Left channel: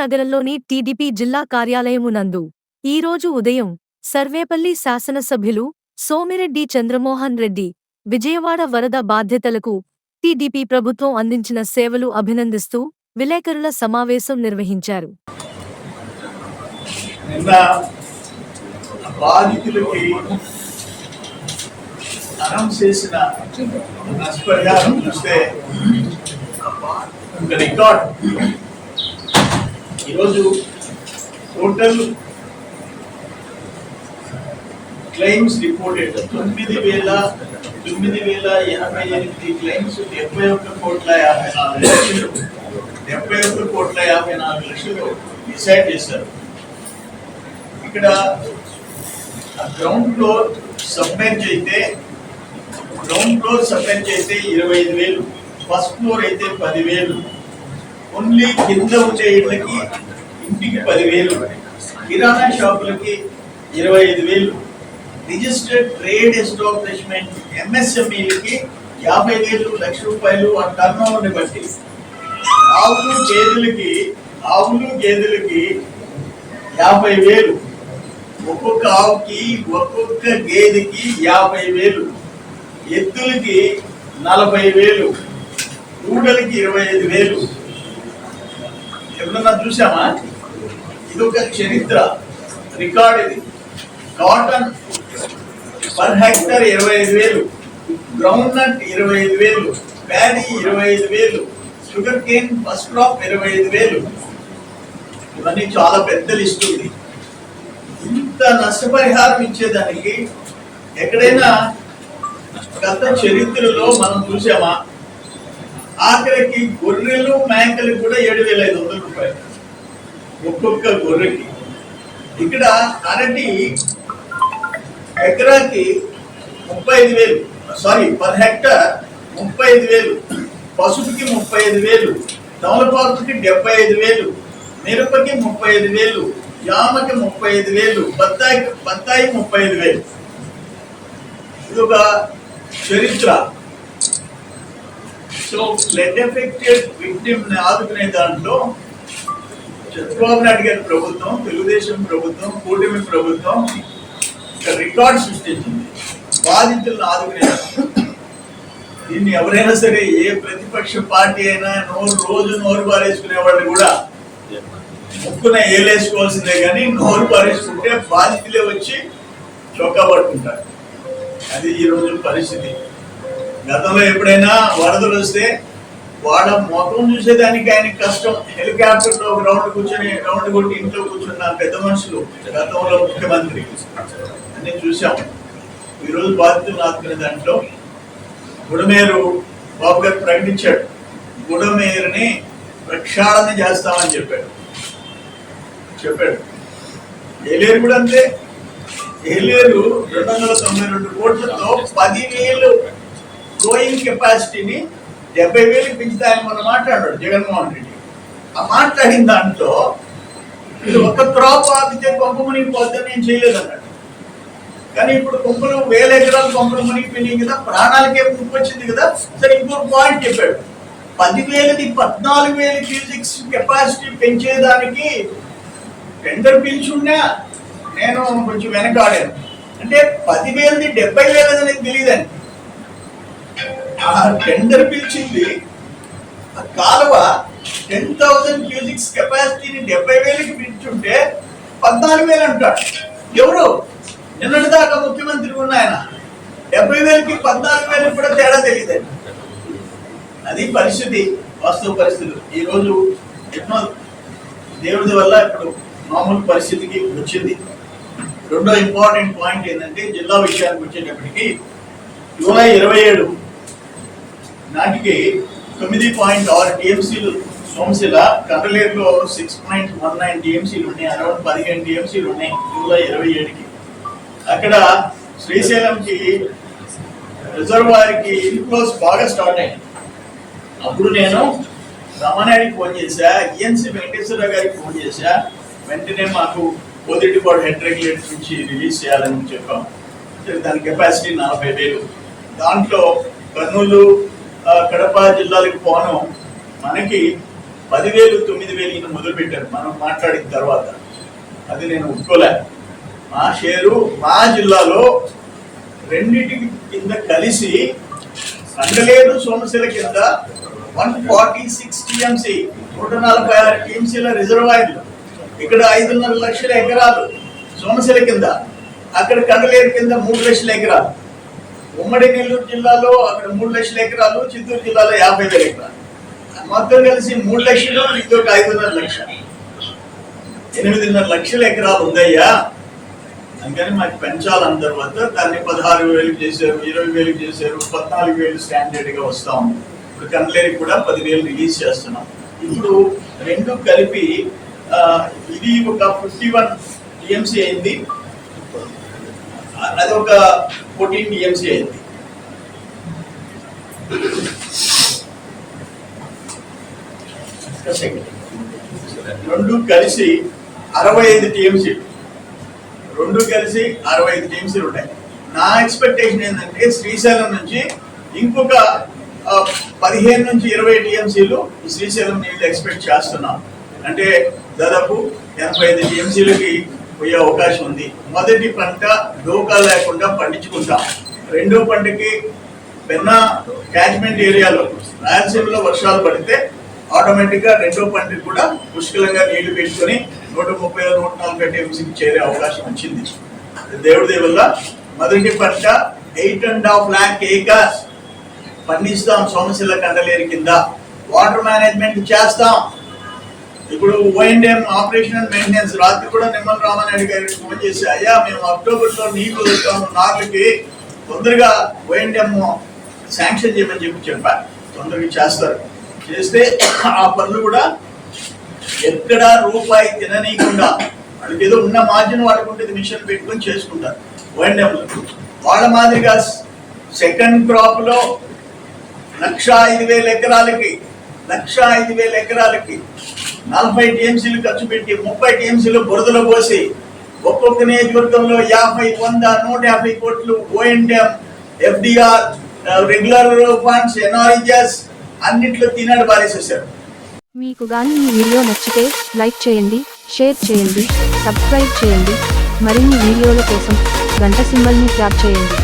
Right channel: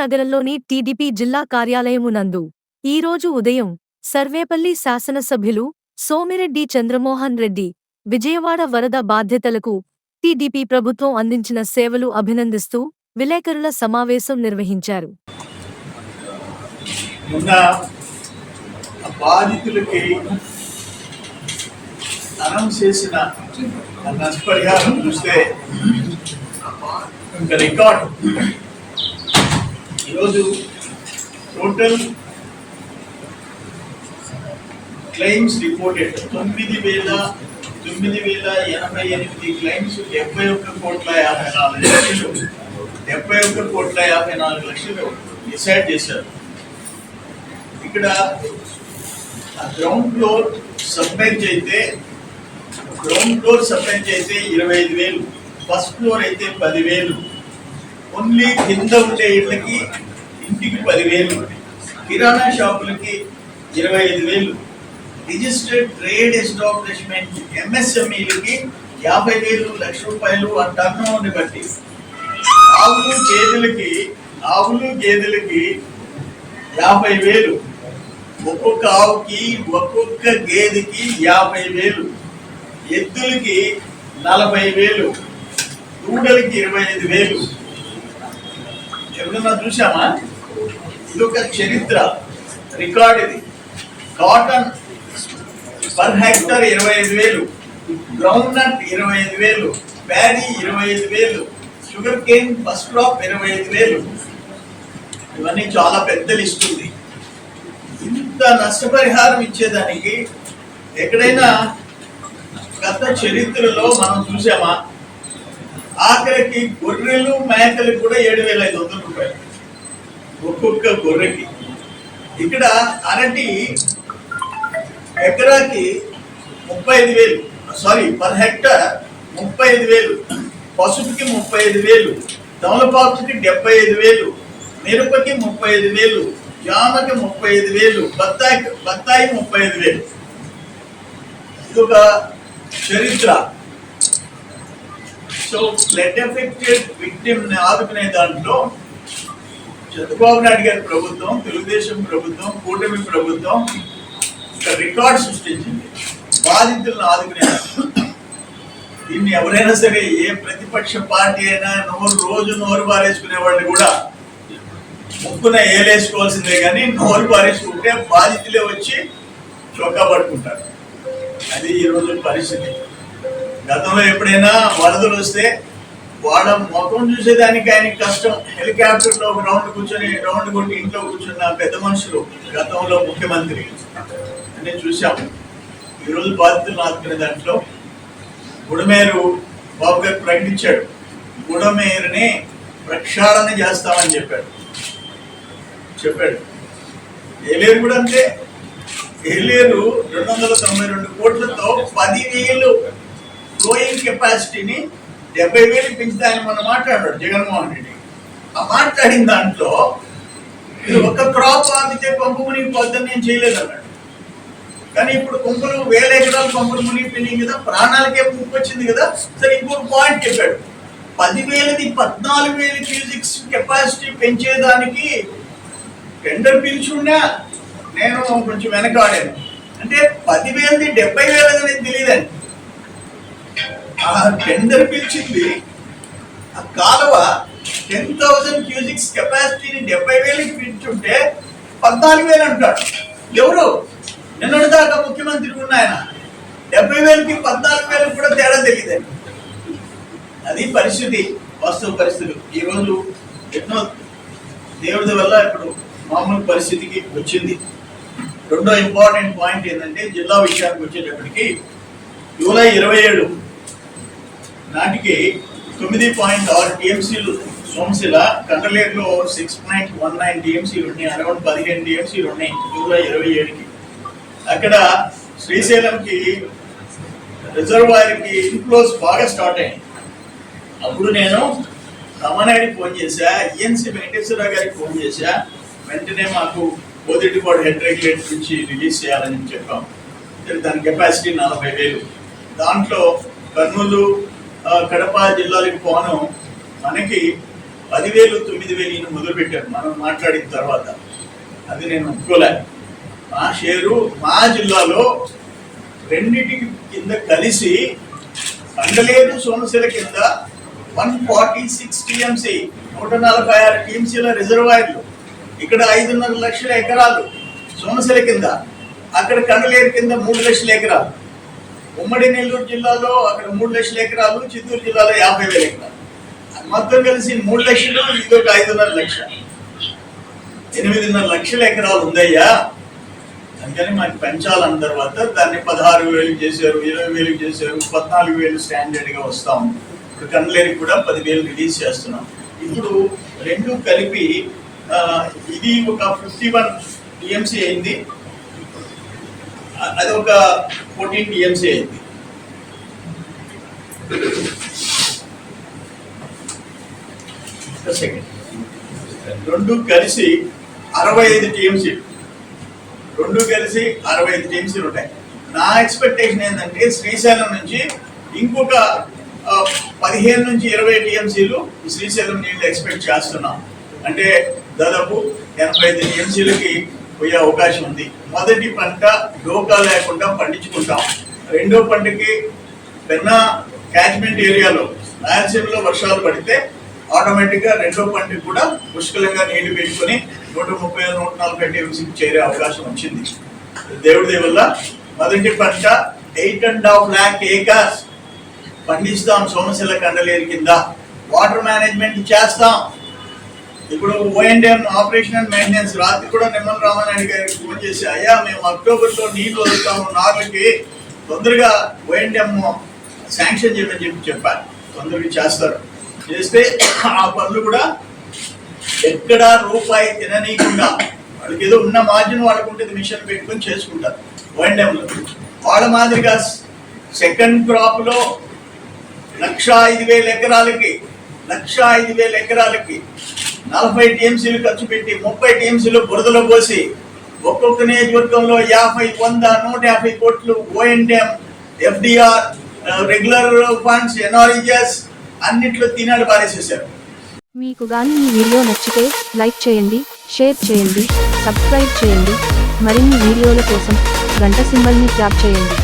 నగరంలోని టీడీపీ జిల్లా కార్యాలయము నందు ఈరోజు ఉదయం సర్వేపల్లి శాసనసభ్యులు సోమిరెడ్డి చంద్రమోహన్ రెడ్డి విజయవాడ వరద బాధ్యతలకు టీడీపీ ప్రభుత్వం అందించిన సేవలు అభినందిస్తూ విలేకరుల సమావేశం నిర్వహించారు. బాధితులకి అనౌన్స్ చేసిన నష్టపరిహారం చూస్తే రికార్డ్ ఈరోజు టోటల్ క్లెయిమ్స్ రిపోర్టెడ్ 9,988 క్లెయిమ్స్ 71,54,54 లక్షలు డిసైడ్ చేశారు. ఇక్కడ గ్రౌండ్ ఫ్లోర్ సబ్మెర్జ్ అయితే 25,000, ఫస్ట్ ఫ్లోర్ అయితే 10,000, ఓన్లీ కింద ఉండే ఇళ్ళకి ఇంటికి 10,000, కిరాణా షాపులకి 25,000, రిజిస్టర్డ్ ట్రేడ్ ఎస్టాబ్లిష్మెంట్ ఎంఎస్ఎంఈలకి 50,000, ₹1,00,000 ఆ టర్న్ ఓవర్ని బట్టి, ఆవులు గేదెలకి 50,000, ఒక్కొక్క ఆవుకి ఒక్కొక్క గేదెకి 50,000, ఎద్దులకి 40,000, దూడలకి 25,000. ఎప్పుడన్నా చూసామా? ఇది ఒక చరిత్ర రికార్డ్. ఇది cotton per hectare 25,000, ground nut 25,000, paddy 25,000, sugar cane first crop 25,000. ఇవన్నీ చాలా పెద్ద లిస్ట్ ఉంది. ఇంత నష్టపరిహారం ఇచ్చేదానికి ఎక్కడైనా గత చరిత్రలో మనం చూసామా? ఆఖరికి గొర్రెలు మేకలు కూడా 7,500 రూపాయలు ఒక్కొక్క గొర్రెకి. ఇక్కడ అరటి ఎకరాకి 35,000, పర్ హెక్టర్ 35,000, పసుపుకి 35,000, తమలపాకుకి 75,000, మిరపకి 35,000, జామకి 35,000, బత్తాయి 35,000. ఇది ఒక చరిత్ర. సో ఫ్లడ్ ఎఫెక్టెడ్ విక్టిమ్ ని ఆదుకునే దాంట్లో చంద్రబాబు నాయుడు గారి ప్రభుత్వం, తెలుగుదేశం ప్రభుత్వం, కూటమి ప్రభుత్వం ఒక రికార్డ్ సృష్టించింది బాధితులను ఆదుకునే. దీన్ని ఎవరైనా సరే, ఏ ప్రతిపక్ష పార్టీ అయినా రోజు నోరు పారేసుకునే వాళ్ళు కూడా ముక్కున ఏలేసుకోవాల్సిందే, కానీ నోరు పారేసుకుంటే బాధితులే వచ్చి చొక్కా పట్టుకుంటారు. అది ఈరోజు పరిస్థితి. గతంలో ఎప్పుడైనా వరదలు వస్తే వాళ్ళ ముఖం చూసేదానికి ఆయనకి కష్టం. హెలికాప్టర్లో ఒక రౌండ్ కొట్టి ఇంట్లో కూర్చున్న పెద్ద మనుషులు గతంలో ముఖ్యమంత్రి అన్నీ చూసాము. ఈరోజు బాధితులను ఆదుకునే దాంట్లో బుడమేరు బాబు గారు ప్రకటించాడు. బుడమేరుని ప్రక్షాళన చేస్తామని చెప్పాడు. ఏలేరు కూడా అంతే. ఏలేరు 292 కోట్లతో 10,000 ఫ్లోయింగ్ కెపాసిటీని 70,000 పెంచుతాయని మొన్న మాట్లాడాడు జగన్మోహన్ రెడ్డి. ఆ మాట్లాడిన దాంట్లో ఇది ఒక క్రాప్ ఆపితే కొంప మునిగిపోద్దని నేను చేయలేదన్నాడు. కానీ ఇప్పుడు 1,000 ఎకరాలు కొంపలు మునిగిపోయినాయి కదా, ప్రాణాలకే ముప్పు వచ్చింది కదా. సరే, ఇంకొక పాయింట్ చెప్పాడు. 10,000ది 14,000 క్యూసిక్స్ కెపాసిటీ పెంచేదానికి టెండర్ పిలిచున్నా నేను కొంచెం వెనకాడాను. అంటే 10,000ది 70,000 అనేది తెలియదండి. ఆ టెండర్ పిలిచింది, ఆ కాలువ 10,000 క్యూసిక్స్ కెపాసిటీని 70,000కి పిలుచుంటే 14,000 అంటాడు. ఎవరు? నిన్నటి దాకా ముఖ్యమంత్రి ఉన్న ఆయన 70,000కి 14,000 కూడా తేడా తెలియదండి. అది పరిస్థితి, వాస్తవ పరిస్థితులు. ఈరోజు ఎన్నో దేవుడి వల్ల ఇప్పుడు మామూలు పరిస్థితికి వచ్చింది. రెండో ఇంపార్టెంట్ పాయింట్ ఏంటంటే, జిల్లా విషయానికి వచ్చేటప్పటికి జూలై 27 నాటికి 9.6 టీఎంసీలు సోమశిల, కండలేరులో 6.19 టీఎంసీలు ఉన్నాయి, అరౌండ్ 15 టీఎంసీలు ఉన్నాయి జూలై 27కి. అక్కడ శ్రీశైలంకి రిజర్వాయర్కి ఇన్ఫ్లోస్ బాగా స్టార్ట్ అయ్యాయి. అప్పుడు నేను రమణాడికి ఫోన్ చేశా, ఈఎన్సీ వెంకటేశ్వరరావు గారికి ఫోన్ చేశా. వెంటనే మాకు పోదిటిపాడు హెడ్ రెగ్యులేటర్ నుంచి రిలీజ్ చేయాలని చెప్పాం. దాని కెపాసిటీ 40,000. దాంట్లో కర్నూలు, కడప జిల్లాలకు పోను మనకి 10,000 9,000 ఈయన మొదలు పెట్టారు మనం మాట్లాడిన తర్వాత. అది నేను ఒప్పుకోలే. మా షేరు మా జిల్లాలో రెండింటికి కింద కలిసి కండలేరు సోమశిల కింద 146 టీఎంసీ 146 టీఎంసీల రిజర్వాయర్లు. ఇక్కడ 5.5 లక్షల ఎకరాలు సోమశిల కింద, అక్కడ కండలేరు కింద 3 లక్షల ఎకరాలు. ఉమ్మడి నెల్లూరు జిల్లాలో అక్కడ 3 లక్షల ఎకరాలు, చిత్తూరు జిల్లాలో 50,000 ఎకరాలు. మొత్తం కలిసి 3 లక్షలు, ఇదొక 5.5 లక్షలు, 8.5 లక్షల ఎకరాలు ఉందయ్యా. అందుకని మాకు పెంచాలన్న తర్వాత దాన్ని 16,000 చేశారు, 20,000 చేశారు, 14,000 స్టాండర్డ్గా వస్తాం. ఇప్పుడు కండలేరికి కూడా 10,000 రిలీజ్ చేస్తున్నాం. ఇప్పుడు రెండు కలిపి ఇది ఒక 51 టీఎంసీ అయింది, అది ఒక 14 టీఎంసీ అయింది. రెండు కలిసి 65 టీఎంసీలు, రెండు కలిసి 65 టీఎంసీలు ఉంటాయి. నా ఎక్స్పెక్టేషన్ ఏంటంటే శ్రీశైలం నుంచి ఇంకొక 15 నుంచి 20 టీఎంసీలు శ్రీశైలం నీళ్ళు ఎక్స్పెక్ట్ చేస్తున్నాం. అంటే దాదాపు 85 టీఎంసీలకి పోయే అవకాశం ఉంది. మొదటి పంట డోకా లేకుండా పండించుకుంటాం. రెండో పంటకి పెన్నా క్యాచ్మెంట్ ఏరియాలో రాయలసీమలో వర్షాలు పడితే ఆటోమేటిక్గా రెండో పంటకి కూడా పుష్కలంగా నీళ్లు పెట్టుకొని 130-140 టీఎంసీకి చేరే అవకాశం వచ్చింది దేవుడి దయ వల్ల. మొదటి పంట 8.5 lakh ఏకర్స్ పండిస్తాం సోమశిల కండలేరు కింద. వాటర్ మేనేజ్మెంట్ చేస్తాం. ఇప్పుడు ఓఎన్ఎం ఆపరేషన్ అండ్ మెయింటెనెన్స్ రాత్రి కూడా నిమ్మల రామానాయుడు గారికి ఫోన్ చేసి, అయ్యా మేము అక్టోబర్లో నీళ్లు వదులుతాము నార్లకి, తొందరగా ఓఎన్ఎం శాంక్షన్ చేయమని చెప్పారు. తొందరగా చేస్తారు. చేస్తే ఆ పనులు కూడా ఎక్కడా రూపాయి తిననీయకుండా వాళ్ళకి ఏదో ఉన్న మార్జిన్ వాళ్ళకు ఉంటుంది, మిషన్ పెట్టుకొని చేసుకుంటారు ఓఎన్ఎంలో. వాళ్ళ మాదిరిగా సెకండ్ క్రాప్లో 105,000 ఎకరాలకి 40 టీఎంసీలు ఖర్చు పెట్టి 30 టీఎంసీలు బురదలో పోసి ఒక్కొక్క నియోజకవర్గంలో 50, 100, 150 కోట్లు ONM, FDR, regular funds, NREGS అన్నిట్లో తినాడు పారేసేసారు. మీకు గాని ఈ వీడియో నచ్చితే లైక్ చేయండి, షేర్ చేయండి, సబ్స్క్రైబ్ చేయండి. మరిన్ని వీడియోల కోసం గంట సింబల్ని ట్యాప్ చేయండి.